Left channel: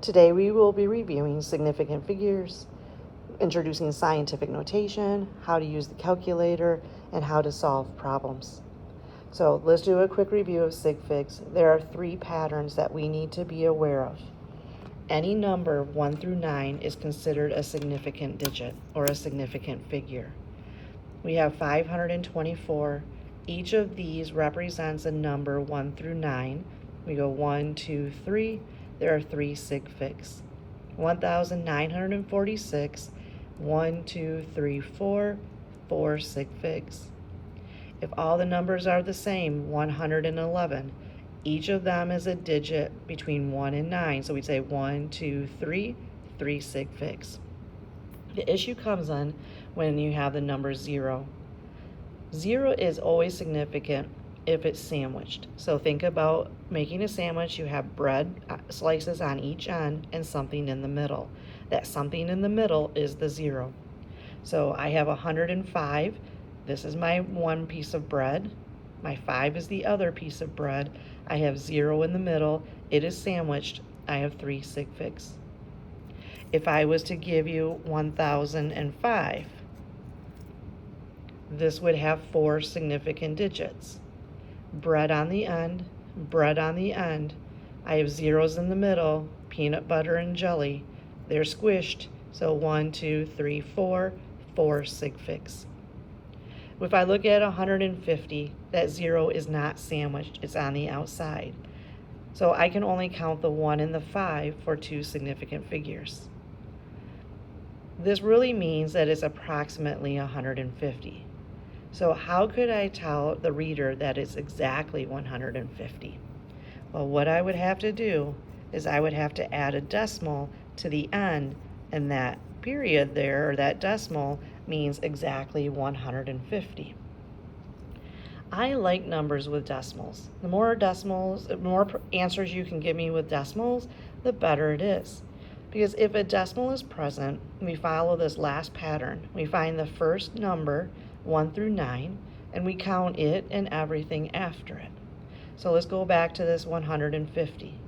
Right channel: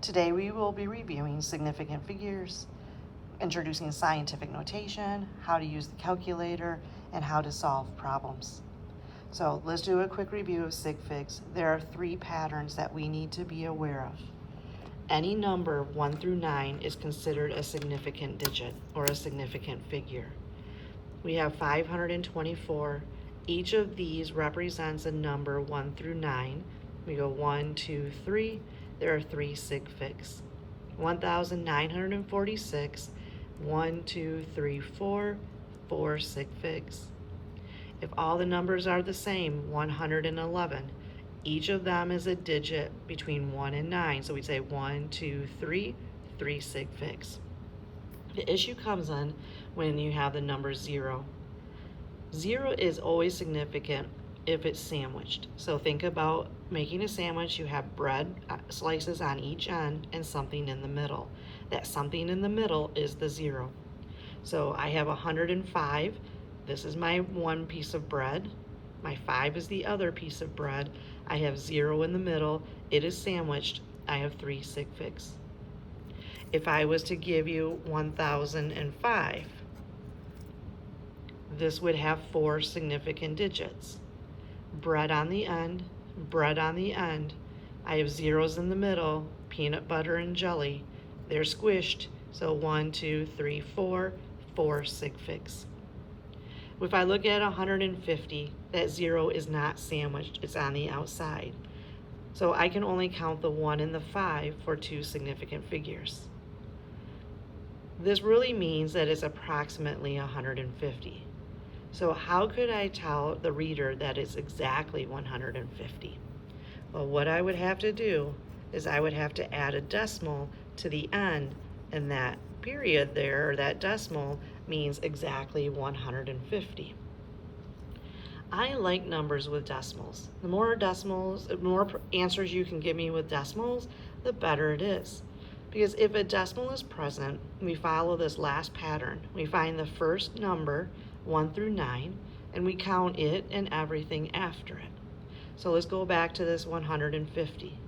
Today we will be reviewing significant figures, introducing scientific notation, how to use the calculator, and how to solve problems. So let's do a quick review of sig figs. There are 3 patterns that we need to be aware of. Any number 1 through 9 is considered a significant digit or a significant figure. We have 524. Each of these represents a number 1 through 9. We go 1, 2, 3. There are 3 sig figs. 1,946, 1, 2, 3, 4, 4 sig figs. If all the numbers are the same, 111, each of them is a digit between 1 and 9. So we'd say 1, 2, 3, 3 sig figs. The issue comes in when you have the number 0. 0 is always significant if it's sandwiched. So think about making a sandwich. You have bread slices on each end and something in the middle. That something in the middle is the 0. So I have 105. This is my one piece of bread. My 5 is the other piece of bread. I have 0 in the middle. It is sandwiched. I have 3 sig figs. If I was to give you 1,005, this would have 4 significant digits. Bread on the end, bread on the end. I have zeros in the middle, peanut butter and jelly. They're squished, so 1, 2, 3, 4, 4 sig figs. If I look at 150, that 0 is not sandwiched, it's on the outside. So I can only count the 1 and the 5 for 2 significant figures. This really means that it's approximately 150. So how could I tell the reader that it's exactly 150? Well, what I would have to do is I would have to add a decimal to the end, and that period there, or that decimal, means exactly 150. I like numbers with decimals. The more decimals, the more answers you can give me with decimals, the better it is. Because if a decimal is present, we follow this last pattern. We find the first number, 1 through 9, and we count it and everything after it. So let's go back to this 150.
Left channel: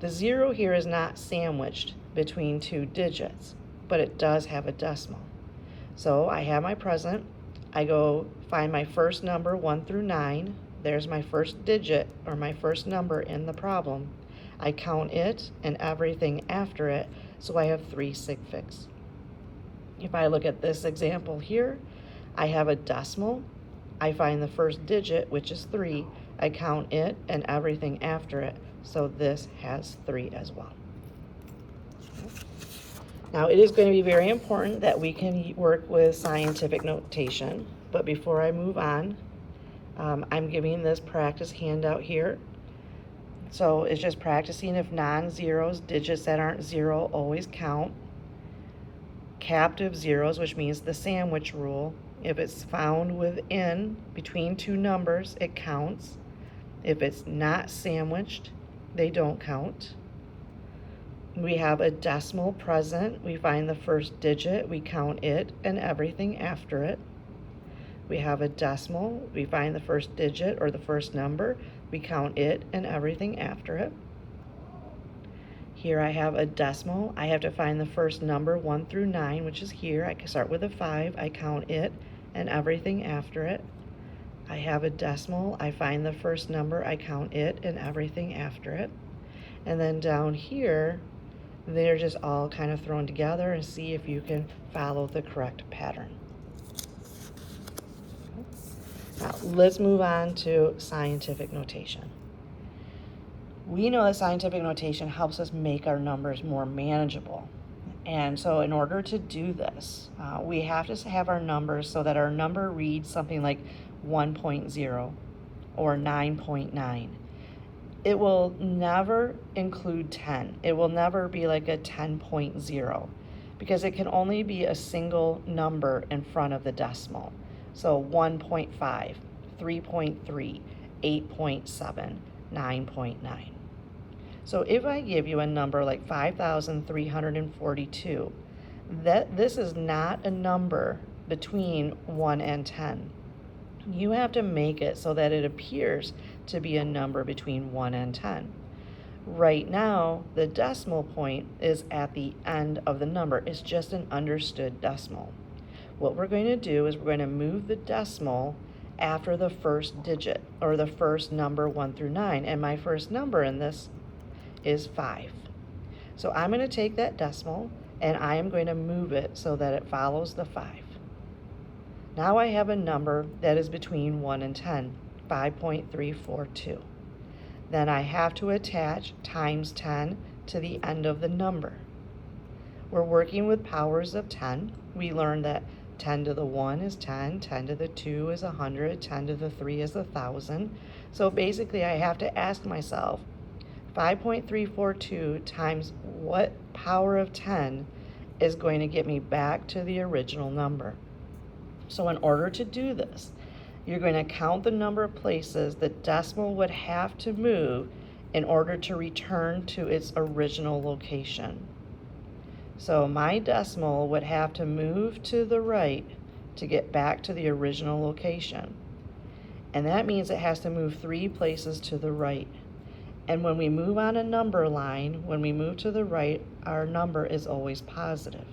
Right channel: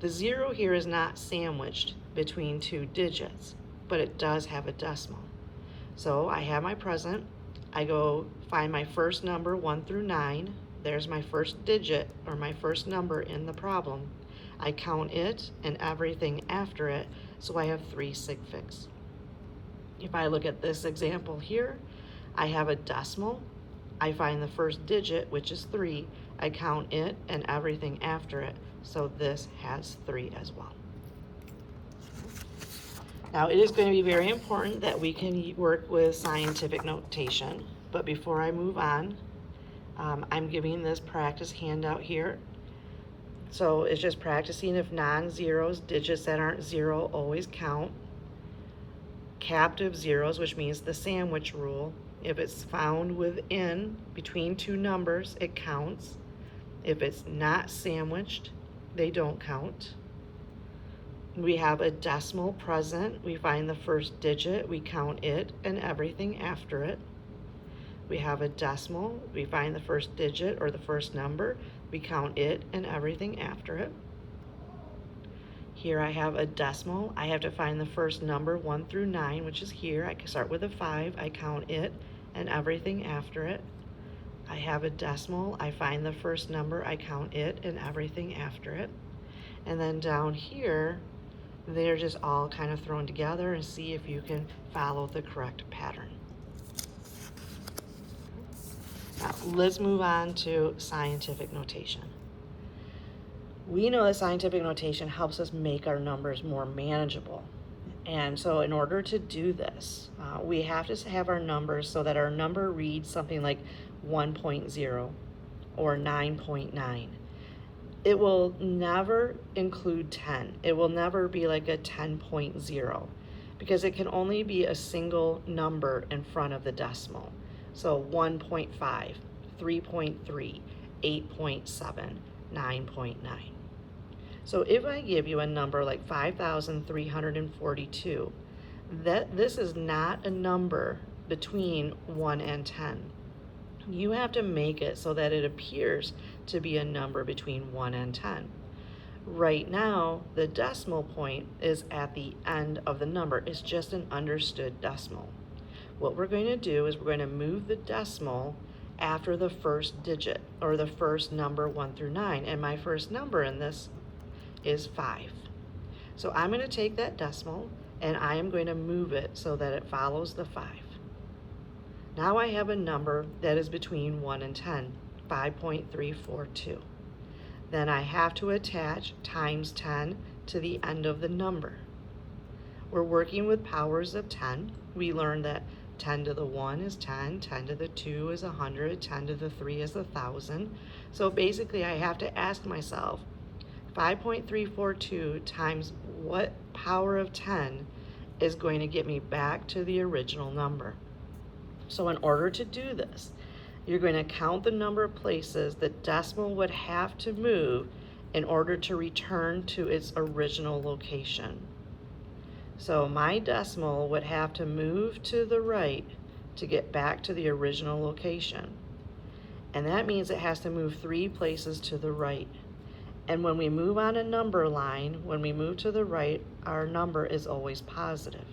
The 0 here is not sandwiched between 2 digits, but it does have a decimal. So I have my present. I go find my first number, 1 through 9. There's my first digit, or my first number in the problem. I count it and everything after it, so I have 3 sig figs. If I look at this example here, I have a decimal. I find the first digit, which is 3. I count it and everything after it, so this has 3 as well. Now, it is going to be very important that we can work with scientific notation, but before I move on, I'm giving this practice handout here. So it's just practicing if non-zeros, digits that aren't 0, always count. Captive zeros, which means the sandwich rule. If it's found within, between 2 numbers, it counts. If it's not sandwiched, they don't count. We have a decimal present. We find the first digit, we count it and everything after it. We have a decimal. We find the first digit or the first number, we count it and everything after it. Here I have a decimal. I have to find the first number, 1 through 9, which is here. I can start with a 5. I count it and everything after it. I have a decimal. I find the first number. I count it and everything after it. And then down here, they're just all kind of thrown together, and see if you can follow the correct pattern. Now, let's move on to scientific notation. We know that scientific notation helps us make our numbers more manageable. And so in order to do this, we have to have our numbers so that our number reads something like 1.0 or 9.9. It will never include 10. It will never be like a 10.0 because it can only be a single number in front of the decimal. So 1.5, 3.3, 8.7, 9.9. So if I give you a number like 5,342, this is not a number between 1 and 10. You have to make it so that it appears to be a number between 1 and 10. Right now, the decimal point is at the end of the number. It's just an understood decimal. What we're going to do is we're going to move the decimal after the first digit, or the first number 1 through 9, and my first number in this is 5. So I'm going to take that decimal and I am going to move it so that it follows the 5. Now I have a number that is between 1 and 10, 5.342. Then I have to attach times 10 to the end of the number. We're working with powers of 10. We learned that 10 to the 1 is 10, 10 to the 2 is 100, 10 to the 3 is 1,000. So basically I have to ask myself, 5.342 times what power of 10 is going to get me back to the original number? So in order to do this, you're going to count the number of places the decimal would have to move in order to return to its original location. So my decimal would have to move to the right to get back to the original location. And that means it has to move 3 places to the right. And when we move on a number line, when we move to the right, our number is always positive.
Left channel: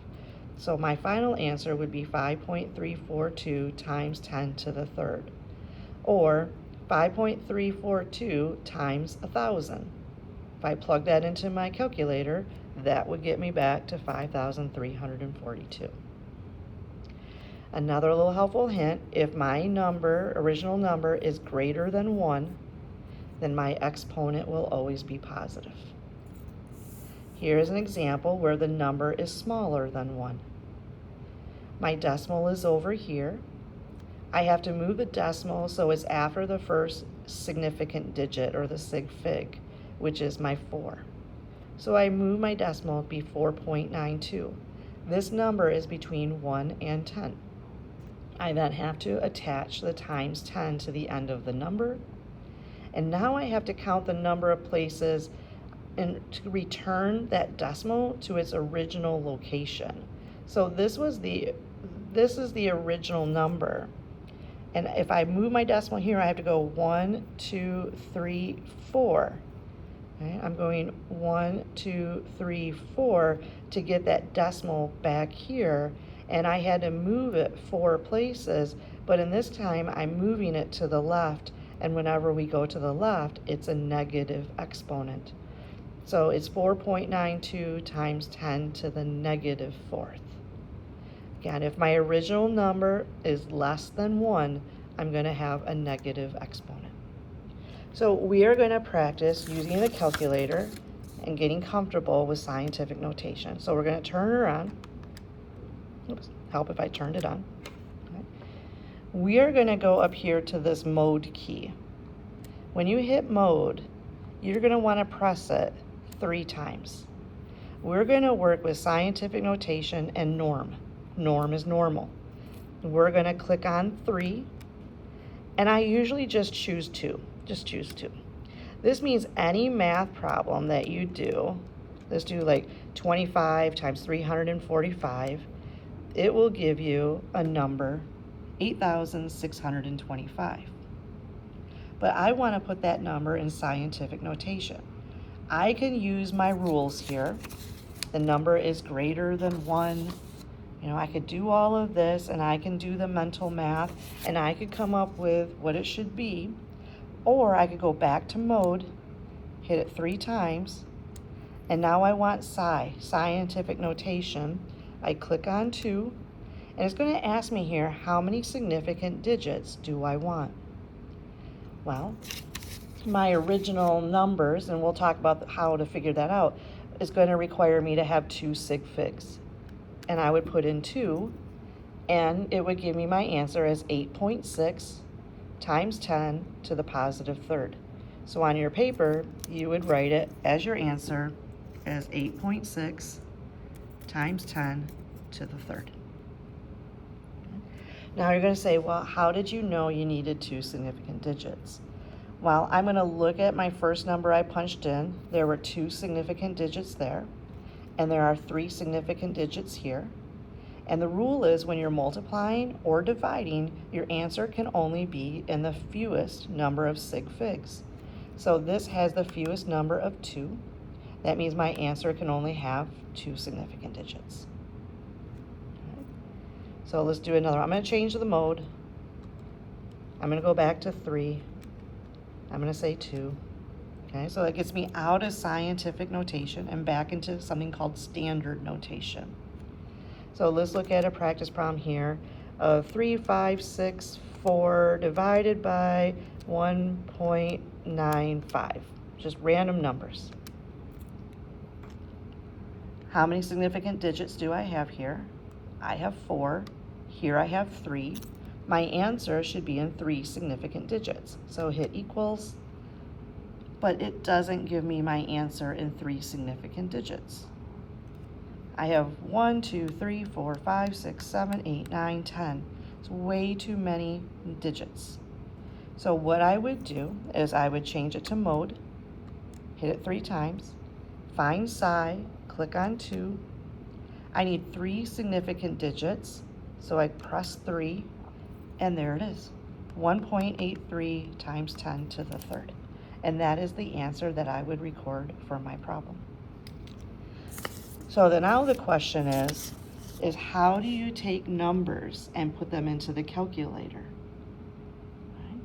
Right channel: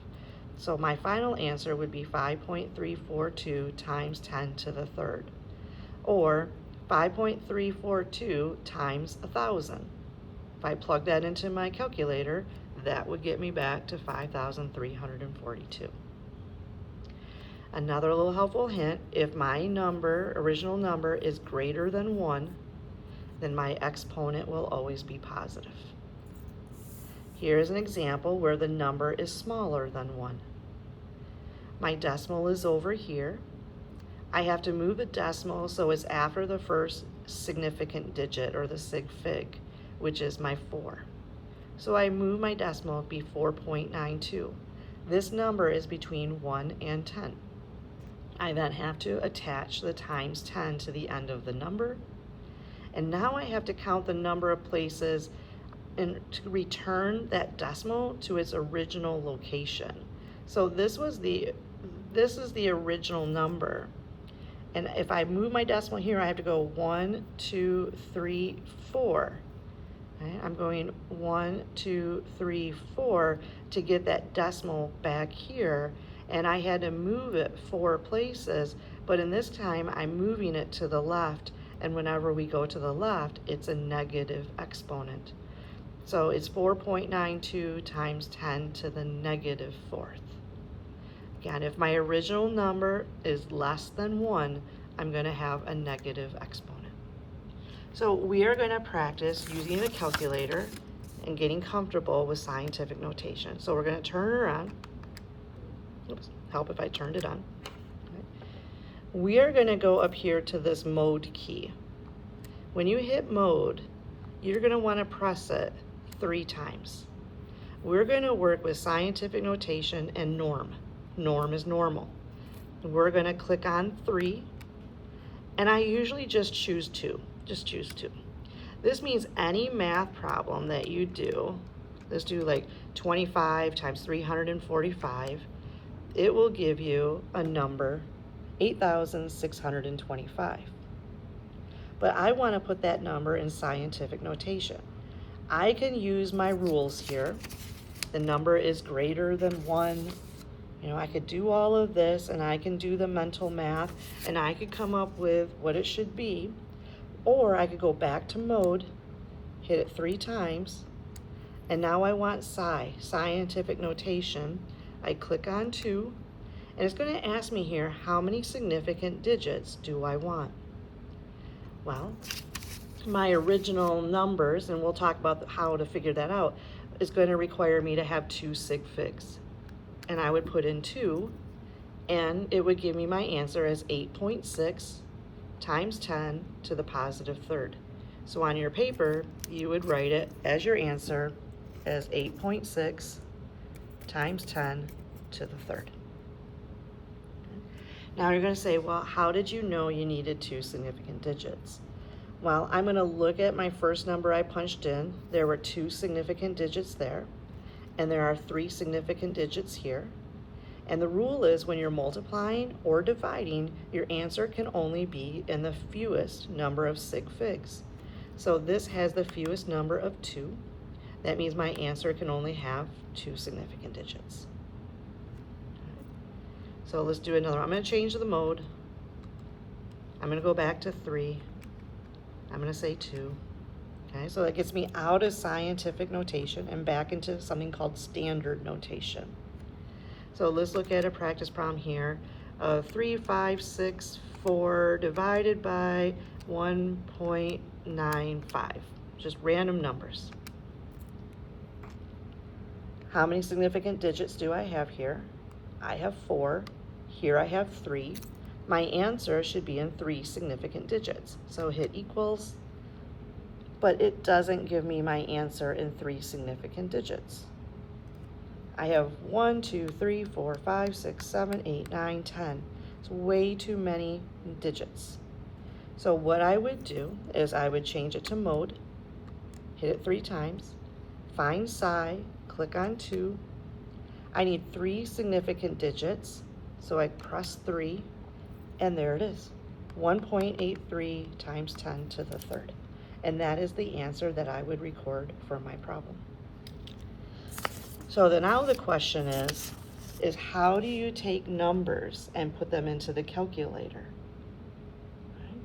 So my final answer would be 5.342 times 10 to the third, or 5.342 times 1,000. If I plug that into my calculator, that would get me back to 5,342. Another little helpful hint, if my original number is greater than 1, then my exponent will always be positive. Here is an example where the number is smaller than 1. My decimal is over here. I have to move the decimal so it's after the first significant digit, or the sig fig, which is my 4. So I move my decimal to be 4.92. This number is between 1 and 10. I then have to attach the times 10 to the end of the number. And now I have to count the number of places and to return that decimal to its original location. So this is the original number. And if I move my decimal here, I have to go 1, 2, 3, 4. Okay? I'm going 1, 2, 3, 4 to get that decimal back here. And I had to move it 4 places, but in this time I'm moving it to the left, and whenever we go to the left, it's a negative exponent. So it's 4.92 times 10 to the negative 4th. Again, if my original number is less than 1, I'm going to have a negative exponent. So we are going to practice using a calculator and getting comfortable with scientific notation. So we're going to turn her on. Oops, help if I turned it on. Okay. We are going to go up here to this mode key. When you hit mode, you're going to want to press it 3 times. We're going to work with scientific notation and norm. Norm is normal. We're going to click on 3, and I usually just choose 2. Just choose 2. This means any math problem that you do, let's do like 25 times 345, it will give you a number 8,625. But I want to put that number in scientific notation. I can use my rules here. The number is greater than 1. You know, I could do all of this, and I can do the mental math, and I could come up with what it should be. Or I could go back to mode, hit it 3 times, and now I want scientific notation. I click on 2, and it's going to ask me here, how many significant digits do I want? Well, my original numbers, and we'll talk about how to figure that out, is going to require me to have 2 sig figs. And I would put in 2, and it would give me my answer as 8.6 times 10 to the positive third. So on your paper, you would write it as your answer as 8.6 times 10 to the third. Now you're going to say, well, how did you know you needed 2 significant digits? Well, I'm going to look at my first number I punched in. There were 2 significant digits there, and there are 3 significant digits here. And the rule is when you're multiplying or dividing, your answer can only be in the fewest number of sig figs. So this has the fewest number of 2. That means my answer can only have 2 significant digits. So let's do another. I'm going to change the mode. I'm going to go back to 3. I'm going to say 2. Okay, so that gets me out of scientific notation and back into something called standard notation. So let's look at a practice problem here of 3, 5, 6, 4 divided by 1.95. Just random numbers. How many significant digits do I have here? I have 4. Here I have 3. My answer should be in 3 significant digits. So hit equals, but it doesn't give me my answer in 3 significant digits. I have 1, 2, 3, 4, 5, 6, 7, 8, 9, 10. It's way too many digits. So what I would do is I would change it to mode, hit it 3 times, find psi, click on 2. I need 3 significant digits, so I press 3, and there it is, 1.83 times 10 to the third. And that is the answer that I would record for my problem. So now the question is how do you take numbers and put them into the calculator? Right?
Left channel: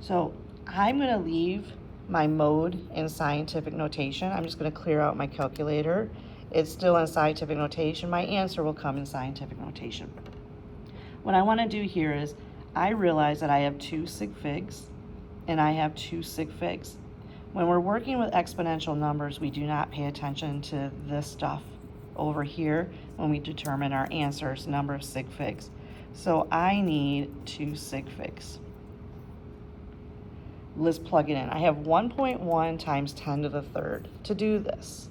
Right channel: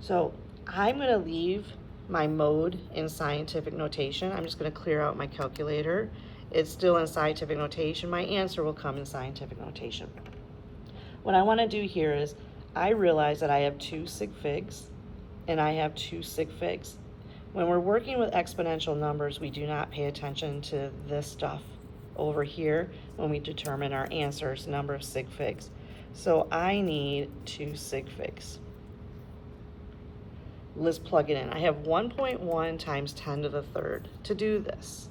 So I'm going to leave my mode in scientific notation. I'm just going to clear out my calculator. It's still in scientific notation. My answer will come in scientific notation. What I want to do here is I realize that I have 2 sig figs and I have 2 sig figs. When we're working with exponential numbers, we do not pay attention to this stuff over here when we determine our answers, number of sig figs. So I need 2 sig figs. Let's plug it in. I have 1.1 times 10 to the third. To do this,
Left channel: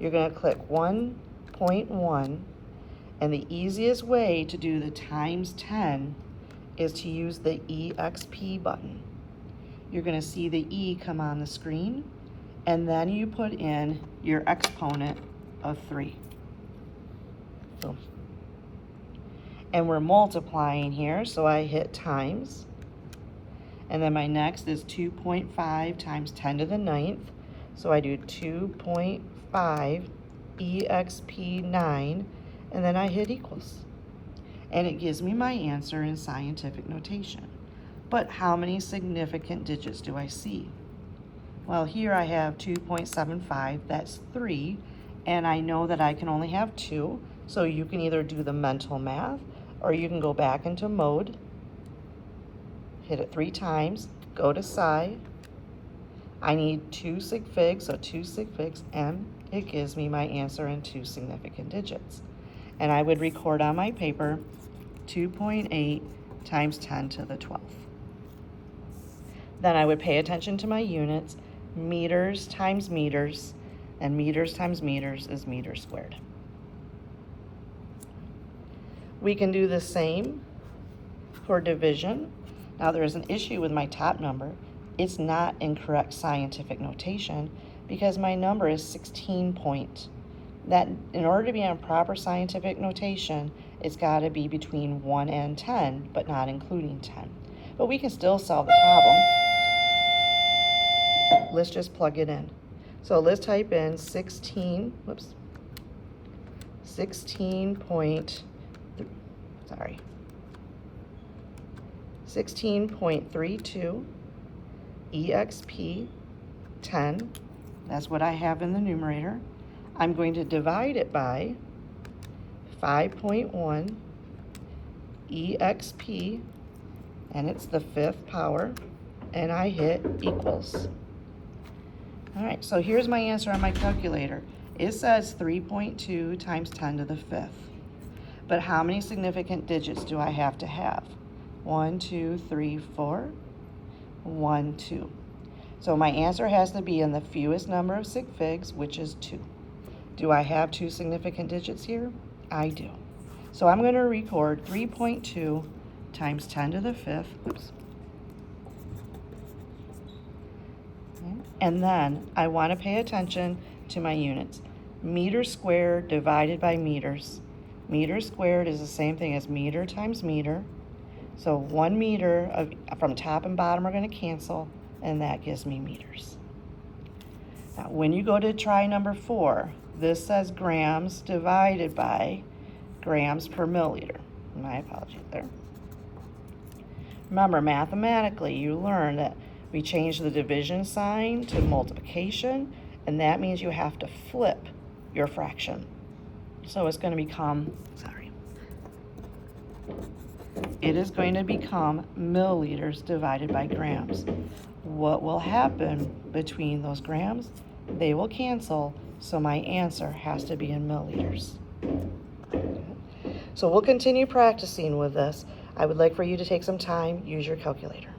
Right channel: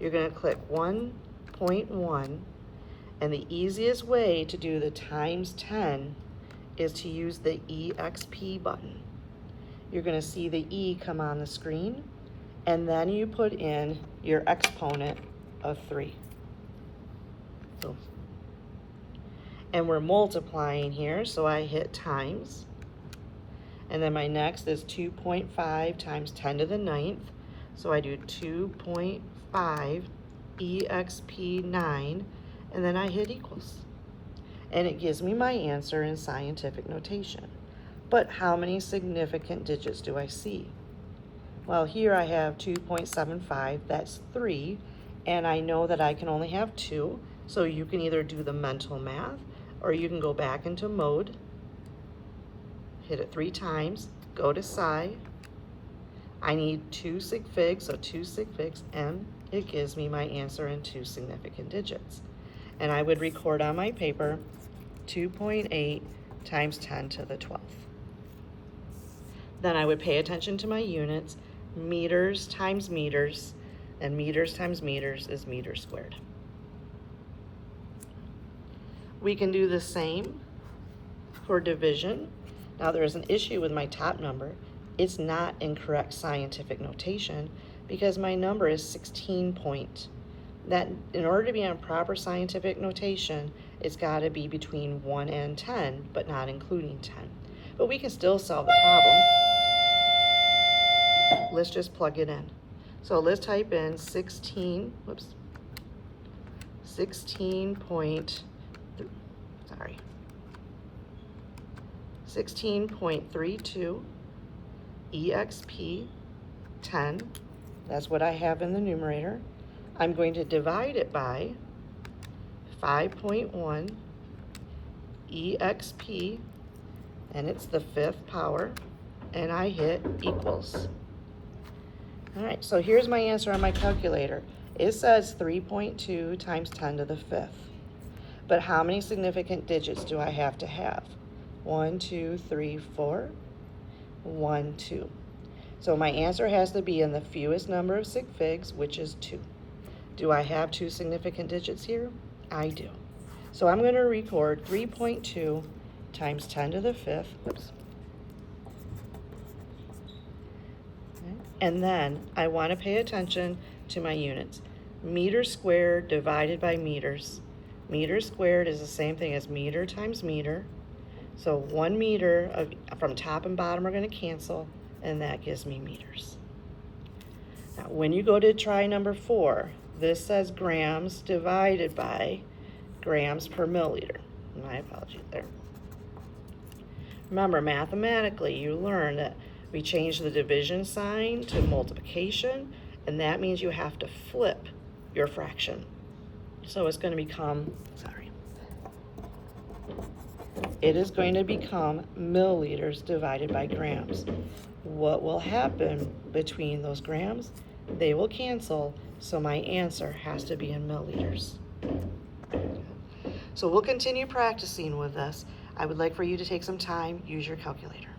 you're going to click 1.1, and the easiest way to do the times 10 is to use the EXP button. You're going to see the E come on the screen, and then you put in your exponent of 3. Boom. And we're multiplying here, so I hit times. And then my next is 2.5 times 10 to the 9th. So I do 2.5 EXP 9, and then I hit equals. And it gives me my answer in scientific notation. But how many significant digits do I see? Well, here I have 2.75, that's 3, and I know that I can only have 2, so you can either do the mental math, or you can go back into mode, hit it 3 times, go to psi. I need 2 sig figs, so 2 sig figs, and it gives me my answer in 2 significant digits. And I would record on my paper 2.8 times 10 to the 12th. Then I would pay attention to my units. Meters times meters, and meters times meters is meters squared. We can do the same for division. Now there is an issue with my top number. It's not in correct scientific notation because my number is 16 point. That in order to be on proper scientific notation, it's got to be between 1 and 10, but not including 10. But we can still solve the problem. Let's just plug it in. So let's type in 16.32 EXP 10. That's what I have in the numerator. I'm going to divide it by 5.1 EXP, and it's the 5th power, and I hit equals. All right, so here's my answer on my calculator. It says 3.2 times 10 to the 5th. But how many significant digits do I have to have? 1, 2, 3, 4. 1, 2. So my answer has to be in the fewest number of sig figs, which is 2. Do I have 2 significant digits here? I do. So I'm going to record 3.2 times 10 to the 5th. Oops. And then I want to pay attention to my units. Meters squared divided by meters. Meters squared is the same thing as meter times meter. So 1 meter from top and bottom are going to cancel, and that gives me meters. Now, when you go to try number 4, this says grams divided by grams per milliliter. My apologies there. Remember, mathematically, you learn that we change the division sign to multiplication, and that means you have to flip your fraction. So it's going to become, it is going to become milliliters divided by grams. What will happen between those grams? They will cancel, so my answer has to be in milliliters. So we'll continue practicing with this. I would like for you to take some time, use your calculator.